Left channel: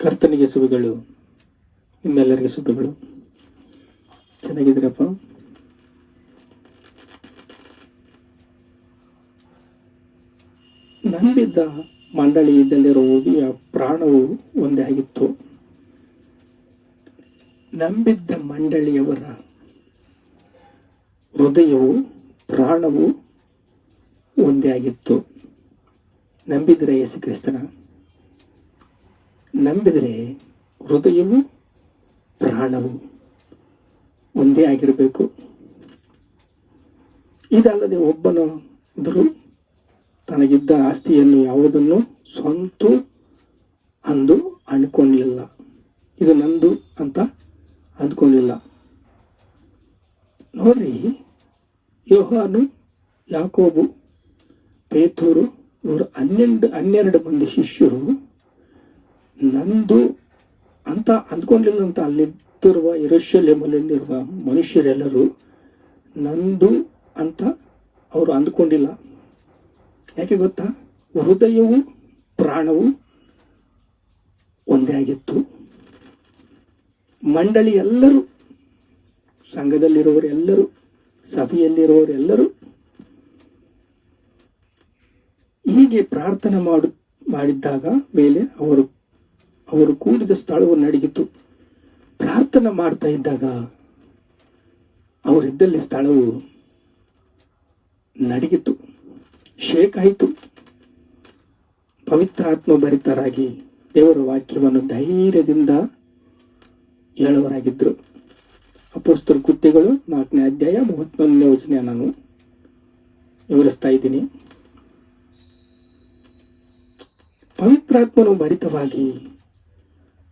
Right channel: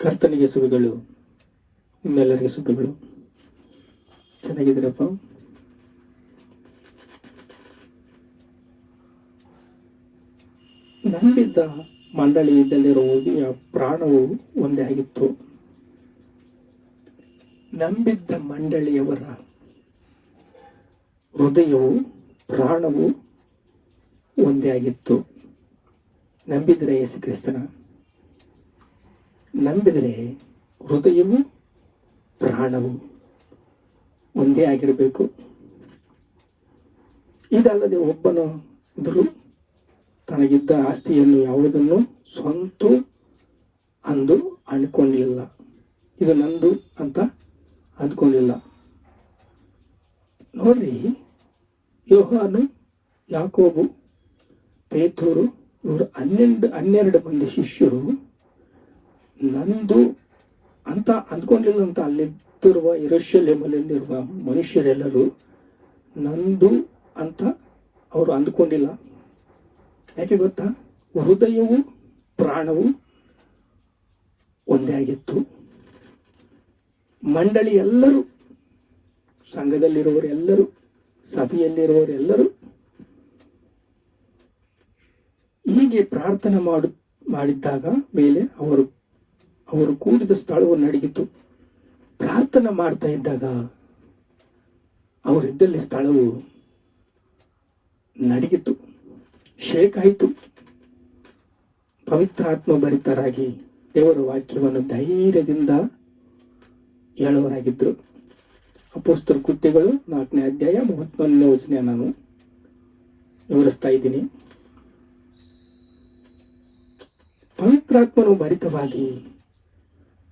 ಕರ್ತನಿಗೆ ಶುಭಗಳು, ನಿಮ್ಮೆಲ್ಲರಿಗೆ ಶುಭಗಳು. ಚೆನ್ನಾಗಿದ್ದೀರಪ್ಪ? ನಂಬಿದ್ದ ಮಂಡಳಿಯಲ್ಲಿರುವುದೆಯ ಪ್ರಾಣವು ಒಂದೇ ಆಗಿತ್ತು. ನಂಬಿದ್ದ ಮಂಡಳಿಯವರ ಹೃದಯವು ಪ್ರಾಣವು ಒಂದೇ ಆಗಿತ್ತು. ನಂಬಿದರೆ ಯೇಸು ಕ್ರಿಸ್ತನ, ನಂಬಿದರೆ ಹೃದಯವು ಪ್ರಾಣವು ಒಂದೇ ಆಗಿರಬೇಕು. ಇದಲ್ಲದೆ ಒಬ್ಬನು ಇದ್ದರೂ ತನಗಿದ್ದ ಆಸ್ತಿಯನ್ನು ಯಾವುದನ್ನು ಸ್ವಂತ ಅಂದು ಅಂದ್ಕೊಂಡಿಲ್ಲ. ಇದು ನಂದು ಅಂತ ಅಂದ್ಕೊಂಡಿಲ್ಲ. ನೋಡ್ರಿ, ಯೋಹಾನು, ಯಾಕೋಬು, ಪೇತ್ರರು ಇವರು 12 ಮಂದಿ ಶಿಷ್ಯರು ನಂದು ಅಂತ ಅಂದ್ಕೊಂಡಿಲ್ಲ. ಅಂತ ಅಲ್ಲಿದ್ದಿರುವ ಯೆರೂಸಲೇಮಿನಲ್ಲಿರುವ ಮನುಷ್ಯರೆಲ್ಲರೂ ನಂದು ಅಂತ ಅವರು ಅಂದ್ಕೊಂಡಿಲ್ಲ. ಯಾಕೆ ಗೊತ್ತಾ? ಹೃದಯವು ಪ್ರಾಣವು ಒಂದೇ ಆಗಿತ್ತು. ಮಂಡಳಿ ಎಲ್ಲರೂ, ಸಂಘದಲ್ಲಿರುವವರೆಲ್ಲರೂ, ಸಭೆಯಲ್ಲಿರುವವರೆಲ್ಲರೂ ಹೀಗೆ ಪ್ರಾರ್ಥನೆ ಮಾಡಿದ್ದಾಗ ಮೇಲೆ ಅವರು ಕೂಡಿದ ಸ್ಥಳವು ನಡಗಿತು. ಪ್ರಾರ್ಥನೆ ಮಾಡ್ತಾ ಇದ್ದಾಗ ಅವರಿದ್ದಲ್ಲಿ ಸ್ಥಳವು ನಡಗಿತು, ಶೇಕ್ ಆಯಿತು. ಪವಿತ್ರಾತ್ಮ ಭರಿತರಾಗಿ ದೇವರ ವಾಕ್ಯವನ್ನು ಧೈರ್ಯದಿಂದ ಹೇಳುವರಾಗಿದ್ದರು. ಅಪೊಸ್ತಲ ಕೃತ್ಯಗಳು 4ನೇ ಅಧ್ಯಾಯ 31ನೇ ವಚನ ನಾನು ವಿವರಿಸ್ತಾ ಇದ್ದೀನಿ. ಪವಿತ್ರಾತ್ಮನು ಭರಿತವಾಗಿ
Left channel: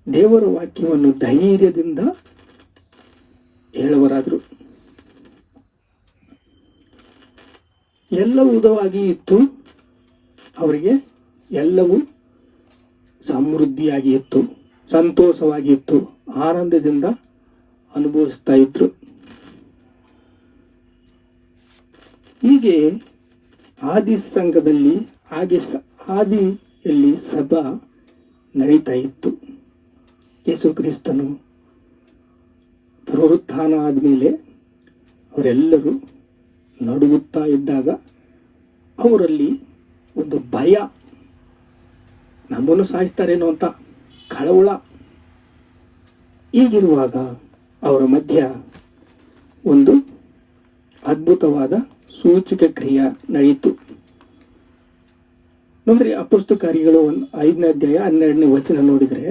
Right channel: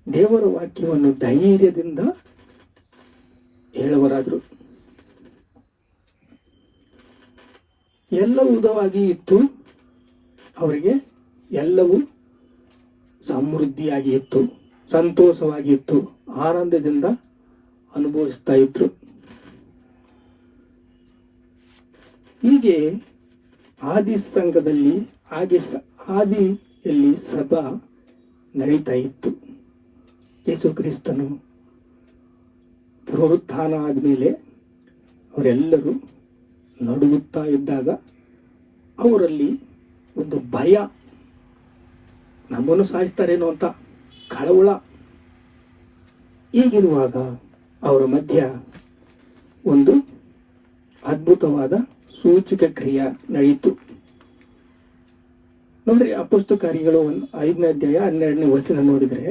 ದೇವರ ವಾಕ್ಯವನ್ನು ಧೈರ್ಯದಿಂದ ಹೇಳುವರಾದರು. ಎಲ್ಲವೂ ಉದವಾಗಿ ಇತ್ತು. ಅವರಿಗೆ ಎಲ್ಲವೂ ಸಮೃದ್ಧಿಯಾಗಿ ಇತ್ತು, ಸಂತೋಷವಾಗಿ ಇತ್ತು, ಆನಂದದಿಂದ ಅನುಭವಿಸ್ತಾ ಇದ್ರು. ಹೀಗೆ ಆದಿ ಸಂಘದಲ್ಲಿ ಆದಿಯಲ್ಲಿ ಸಭಾ ನಡೀತಾ ಇತ್ತು. ಯೇಸು ಕ್ರಿಸ್ತನು ಪುನರುತ್ಥಾನ ಆದಮೇಲೆ ಅವರೆಲ್ಲರೂ ನಡುಗುತ್ತಾ ಇದ್ದಾಗ ಅವರಲ್ಲಿ ಒಂದು ಭಯ, ನಮ್ಮನ್ನು ಸಾಯಿಸ್ತಾರೇನೋ ಅಂತ ಕಳವಳ. ಹೀಗಿರುವಾಗ ಅವರ ಮಧ್ಯ ಒಂದು ಅದ್ಭುತವಾದ ಸೂಚಕ ಕ್ರಿಯೆ ನಡೆಯಿತು. ನೋಡ್ರಿ, ಅಪೊಸ್ತಲ ಕಾರ್ಯಗಳು 5ನೇ ಅಧ್ಯಾಯ 12ನೇ ವಚನ ನೋಡಿದರೆ,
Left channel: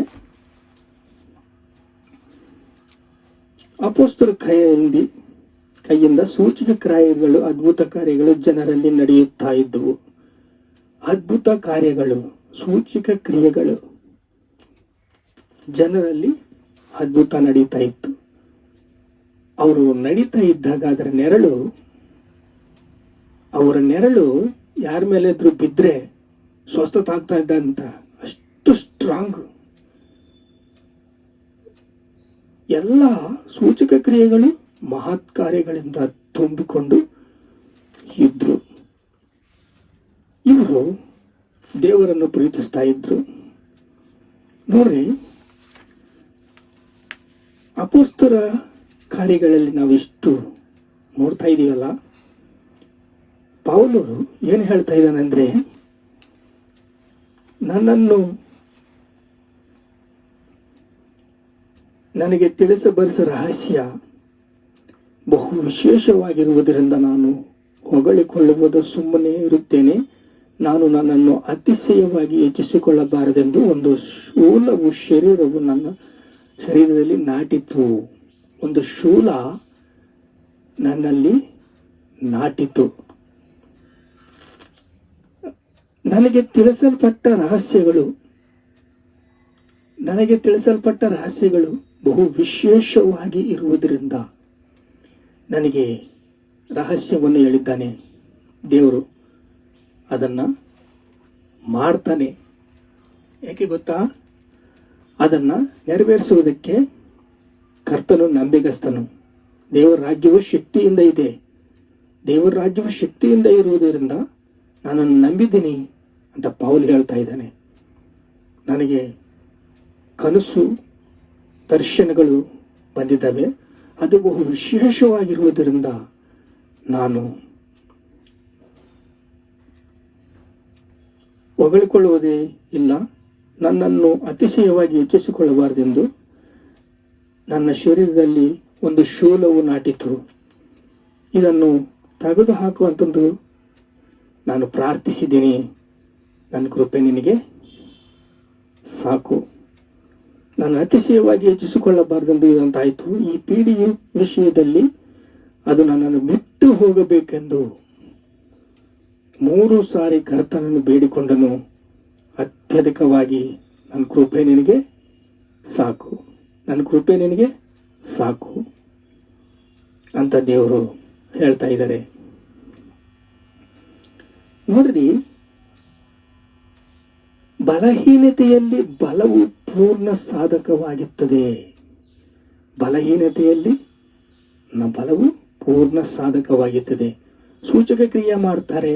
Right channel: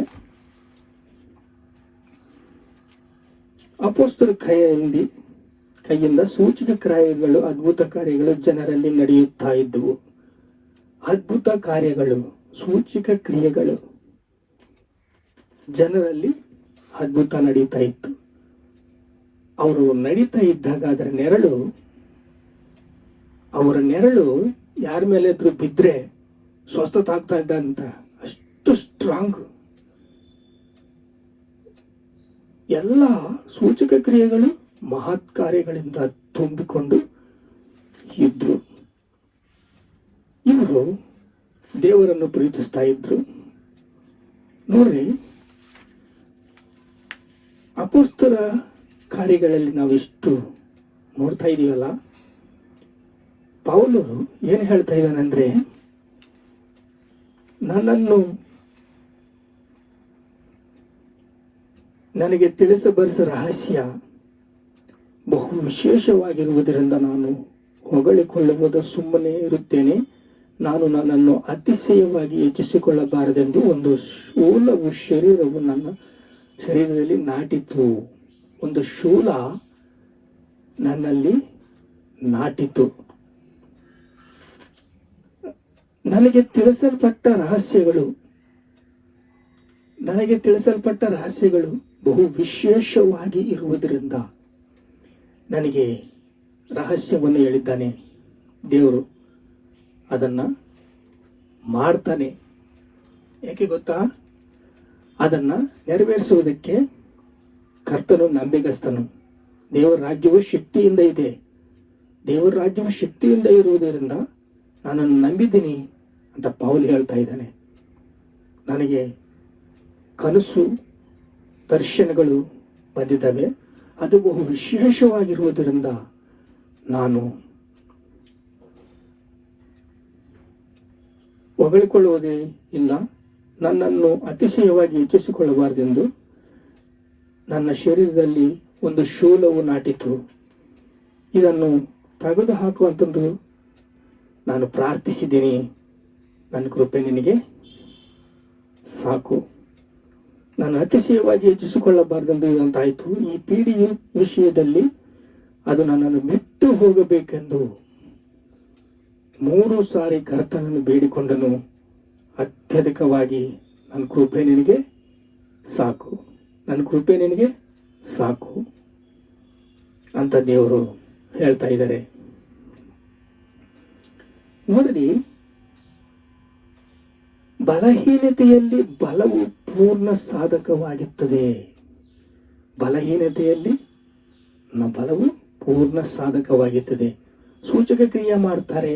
ಅಪೊಸ್ತಲ ಕೈಯಿಂದ ಸೂಚಕ ಕಾರ್ಯಗಳು, ಅದ್ಭುತ ಕಾರ್ಯಗಳು ಜನರಲ್ಲಿ ನಡೆಯುತ್ತಾ ಇದ್ದವು. ಅದ್ಭುತ ಕಾರ್ಯಗಳು, ಸೂಚಕ ಕ್ರಿಯೆಗಳು ಜನರಲ್ಲಿ ಅದ್ಭುತ ನಡೀತಾ ಇತ್ತು. ಅವರು ನಡೀತಾ ಇದ್ದಾಗ ಅವರ ನೆರಳು ಯಾರ ಮೇಲೆ ಇದ್ರು ಬಿದ್ದರೆ ಸ್ವಸ್ಥತೆ ಆಗ್ತಾ ಇದ್ದಂತ ಅಷ್ಟು ಸ್ಟ್ರಾಂಗ್. ಎಲ್ಲ ಸೂಚಕ ಕ್ರಿಯೆಗಳು ಮಹತ್ ಕಾರ್ಯಗಳಿಂದ ತುಂಬಿಕೊಂಡು ಇದ್ರು. ಇವರು ದೇವರನ್ನು ಪ್ರೀತಿಸ್ತಾ ಇದ್ರು. ನೋಡ್ರಿ, ಅಪೊಸ್ತಲ ಕಾರ್ಯಗಳಲ್ಲಿ ನಾವಿಷ್ಟು ನೋಡ್ತಾ ಇದೀವಲ್ಲ, ಪೌಲರು ಏನು ಹೇಳ್ತಾ ಇದ್ದಾನಂದ್ರೆ, ನನಗೆ ತಿಳಿಸಬರಿಸ ರಹಸ್ಯ ಬಹು ವಿಶೇಷವಾಗಿರುವುದರಿಂದ ನಾನು ಹೊಗಳಿಕೊಳ್ಳುವುದು ಸುಮ್ಮನೆ ಇರುತ್ತೇನೆ. ನಾನು ನನ್ನನ್ನು ಅತಿಶಯವಾಗಿ ಹೆಚ್ಚಿಸಿಕೊಳ್ಳಬಾರದೆಂದು ಒಂದು ಶೂಲವು ನನ್ನ ಶರೀರದಲ್ಲಿ ನಾಟಿತು. ಒಂದು ಶೂಲ ನನ್ನಲ್ಲಿ ನಾಟಿತು. ನನಗೆ ತಿಳಿಸಲ್ಪಟ್ಟ ರಹಸ್ಯಗಳು ಬಹು ವಿಶೇಷವಾಗಿ ಇರುವುದರಿಂದ ನನಗೆ ರಹಸ್ಯವನ್ನು ಹೇಳಿದ್ದಾನೆ. ದೇವರು ಅದನ್ನು ಮಾಡ್ತಾನೆ. ಯಾಕೆ ಗೊತ್ತಾ? ಅದನ್ನು ನೆರವೇರಿಸುವುದಕ್ಕೆ ಕರ್ತನು ನಂಬಿಗಸ್ತನು. ದೇವರ ರಾಜ್ಯವು ಶಕ್ತಿಯಿಂದ ಇದೆ. ದೇವರ ರಾಜ್ಯವು ಶಕ್ತಿಯಿಂದ ಇರುವುದರಿಂದ ನಾನನ್ನು ನಂಬಿದ್ದೀನಿ ಅಂತ ಪೌಲ್ ಹೇಳ್ತಾ ಇದ್ದಾನೆ. ನನಗೆ ಕನಸು ದರ್ಶನಗಳು ಬಂದಿದ್ದಾವೆ. ಅದು ಬಹು ವಿಶೇಷವಾಗಿರುವುದರಿಂದ ನಾನು ಹೊಗಳಿಕೊಳ್ಳುವುದೇ ಇಲ್ಲ. ನನ್ನನ್ನು ಅತಿಶಯವಾಗಿ ಹೆಚ್ಚಿಸಿಕೊಳ್ಳಬಾರದೆಂದು ನನ್ನ ಶರೀರದಲ್ಲಿ ಒಂದು ಶೂಲವು ನಾಟಿತು. ಇದನ್ನು ತೆಗೆದು ಹಾಕುವಂಥದ್ದು ನಾನು ಪ್ರಾರ್ಥಿಸಿದ್ದೀನಿ. ನನ್ನ ಕೃಪೆ ನಿನಗೆ ಸಾಕು. ನಾನು ಅತಿಶಯವಾಗಿ ಹೆಚ್ಚಿಸಿಕೊಳ್ಳಬಾರದೆಂದು ಇದಂತಾಯಿತು. ಈ ಪೀಡಿಯ ವಿಷಯದಲ್ಲಿ ಅದು ನನ್ನನ್ನು ಬಿಟ್ಟು ಹೋಗಬೇಕೆಂದು 3 ಸಾರಿ ಕರ್ತನನ್ನು ಬೇಡಿಕೊಂಡನು. ಅತ್ಯಧಿಕವಾಗಿ ನನ್ನ ಕೃಪೆ ನಿನಗೆ ಸಾಕು, ನನ್ನ ಕೃಪೆ ನಿನಗೆ ಸಾಕು ಅಂತ ದೇವರು ಹೇಳ್ತಾ ಇದ್ದಾರೆ. ನೋಡ್ರಿ, ಬಲಹೀನತೆಯಲ್ಲಿ ಬಲವು ಪೂರ್ಣ ಸಾಧಕವಾಗಿರುತ್ತದೆ. ಬಲಹೀನತೆಯಲ್ಲಿ ಬಲವು ಪೂರ್ಣ ಸಾಧಕವಾಗಿರುತ್ತದೆ. ಸೂಚಕ ಕ್ರಿಯೆ ಮಾಡ್ತಾರೆ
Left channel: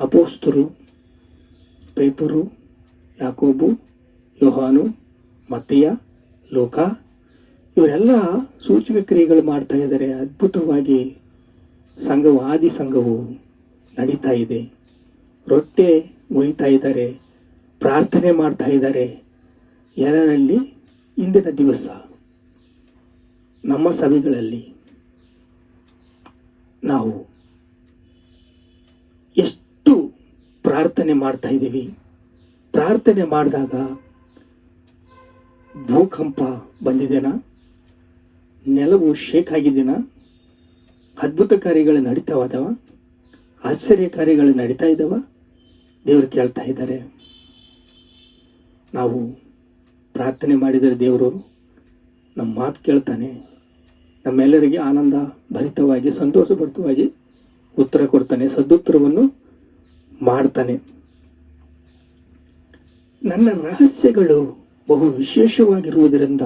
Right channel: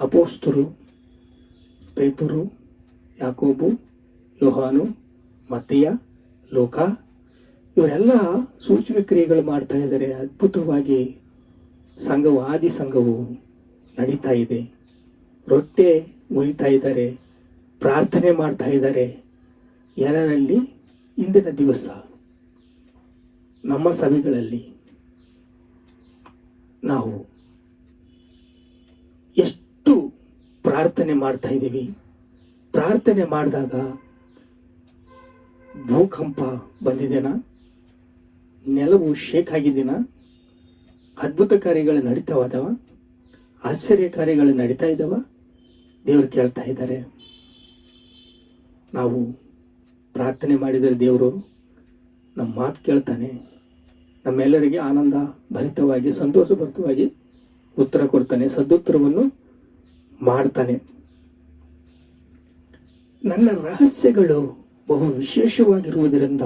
ಅಪೊಸ್ತಲರು, ಪೇತರು, ಯಾಕೋಬು, ಯೋಹಾನು, ಮತ್ತಿಯ, ಲೋಕ, ಇವರೆಲ್ಲ ಸೂಚಕ ಕ್ರಿಯೆಗಳು ಮಾಡ್ತಾ ಇದ್ದಾರೆ. ಅದ್ಭುತವಾಗಿ ಸಂಘವು, ಆದಿ ಸಂಘವು ನಡೀತಾ ಇದೆ. ರೊಟ್ಟೆ ಉಳಿತಾ ಇದ್ದಾರೆ, ಪ್ರಾರ್ಥನೆ ಮಾಡ್ತಾ ಇದ್ದಾರೆ. ಎಲ್ಲರಲ್ಲಿ ಇಂದಿನ ದಿವಸ ನಮ್ಮ ಸಭೆಗಳಲ್ಲಿ ನಾವು ಎಷ್ಟು ಪ್ರಾರ್ಥನೆ ಮಾಡ್ತಾ ಇದ್ದೀವಿ. ಪ್ರಾರ್ಥನೆ ಮಾಡಿದಾಗ ಭೂಕಂಪ ಬಂದಿದೆನಾ? ನೆಲವು ಶೇಕ್ ಆಗಿದೆನಾ? ಅದ್ಭುತ ಕಾರ್ಯಗಳು ನಡೀತಾವದವ? ಆಶ್ಚರ್ಯ ಕಾರ್ಯಗಳು ನಡೀತಾ ಇದ್ದಾವ? ದೇವರು ಕೇಳ್ತಾ ಇದ್ದಾರೆ. ನಾವು ಪ್ರಾರ್ಥನೆ ಮಾಡಿದರೆ ದೇವರು ನಮ್ಮ ಮಾತು ಕೇಳ್ತಾನೆ. ನಮ್ಮೆಲ್ಲರಿಗೆ ಆನಂದ ಭರಿತವಾಗಿ, ಸಂತೋಷಭರಿತವಾಗಿ ಉತ್ತರ ಕೊಡ್ತಾನೆ, ಸದುತ್ತರವನ್ನು ಮಾಡ್ತಾನೆ. ನನ್ನ ರಹಸ್ಯಗಳು ಬಹು ವಿಶೇಷವಾಗಿರುವುದರಿಂದ,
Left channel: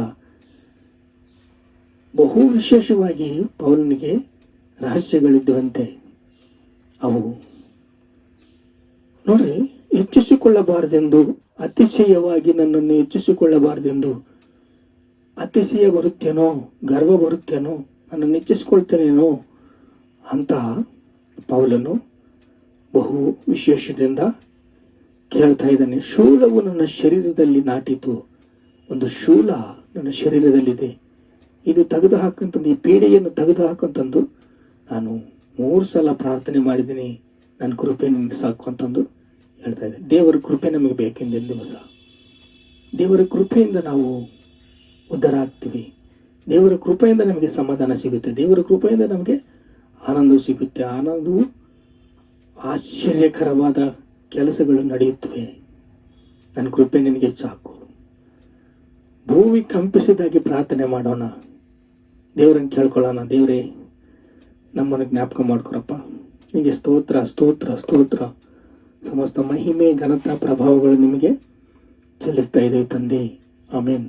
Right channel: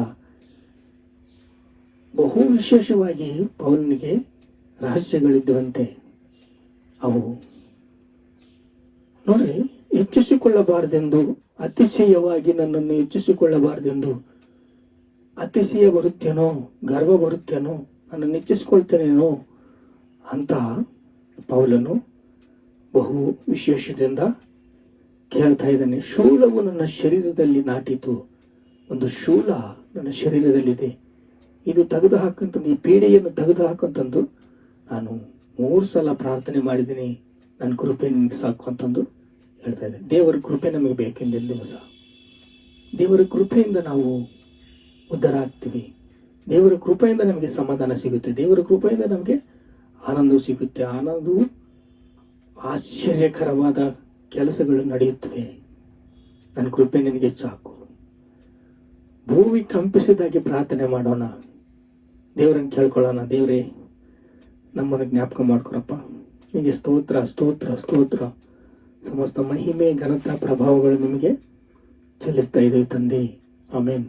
ಬಹು ವಿಶೇಷವಾಗಿ ಪೌಲನಿಗೆ ರಹಸ್ಯಗಳಿದ್ದಂತೆ ಅವು ನೋಡ್ರಿ, ಹೆಚ್ಚಿಸಿಕೊಳ್ಳಬಾರದೆಂದು, ಅತಿಶಯವಾಗಿ ನನ್ನನ್ನು ಹೆಚ್ಚಿಸಿಕೊಳ್ಳಬಾರದೆಂದು. ಅತಿಶಯ ಬರುತ್ತೇನೋ, ಗರ್ವ ಬರುತ್ತೇನೋ, ನನ್ನನ್ನು ಹೆಚ್ಚಿಸಿಕೊಳ್ತೇನೇನೋ ಅಂತ ಪೌಲನು ಬಹು ವಿಶೇಷದಿಂದ ಕೇಳ್ತಾ ಇದ್ದಾನೆ. ಶೂಲವು ನನ್ನ ಶರೀರದಲ್ಲಿ ನಾಟಿತು. ಒಂದು ಶೂಲ ನನ್ನ ಶರೀರದಲ್ಲಿದೆ. ಇದು ತೆಗೆದು ಹಾಕಂತಂದು, ಈ ಪೀಡೆಯನ್ನು ತೆಗೆದು ಹಾಕಂತಂದು ನಾನು 3 ಸಲ ಪ್ರಾರ್ಥನೆ ಮಾಡಿದ್ದೀನಿ. ನನ್ನ ಕೃಪೆ ನಿನಗೆ ಸಾಕು ಅಂತಂದು ಹೇಳ್ತಾ ಇದ್ದೆ. ದೇವರ ಕೃಪೆ ನಮಗೆ ಬೇಕೆಂದಿನ ದಿವಸ ದೇವರ ಕೃಪೆಯಿಂದ ನಾವು ಉದ್ಧಾರ ಆಗ್ತೀವಿ. ದೇವರ ಕೃಪೆಯಿಂದ ನಮಗೆ ಸಮಾಧಾನ ಸಿಗುತ್ತೆ. ದೇವರ ಕೃಪೆಯಿಂದ ನಮಗೆ ಆನಂದವು ಸಿಗುತ್ತೆ. ಆನಂದವು ಆಶ್ಚರ್ಯಕರವಾದ ಕೆಲಸಗಳು ನಡೆಯುತ್ತವೆ. ನನ್ನ ಕೃಪೆ ನಿನಗೆ ಸಾಕು. ಭೂಮಿ ಕಂಪಿಸಿದಾಗಿ ಪ್ರಾರ್ಥನೆ ಮಾಡೋಣ. ದೇವರನ್ನು ಕೇಳ್ಕೊಳ್ಳೋಣ. ದೇವರೇ, ನಮ್ಮನ್ನು ಜ್ಞಾಪಕ ಮಾಡ್ಕೊರಪ್ಪ. ನಿಮಗೆ ಸ್ತೋತ್ರ, ಸ್ತೋತ್ರ, ಸ್ತೋತ್ರ. ಸಮಸ್ತ ಮಹಿಮೆ, ಘನತಾ, ಪ್ರಭಾವಗಳು ನಿಮಗೆ ಚೆಲ್ಲಿಸ್ತಾ ಇದ್ದೇವೆ ತಂದೆ. ಆಮೇನ್.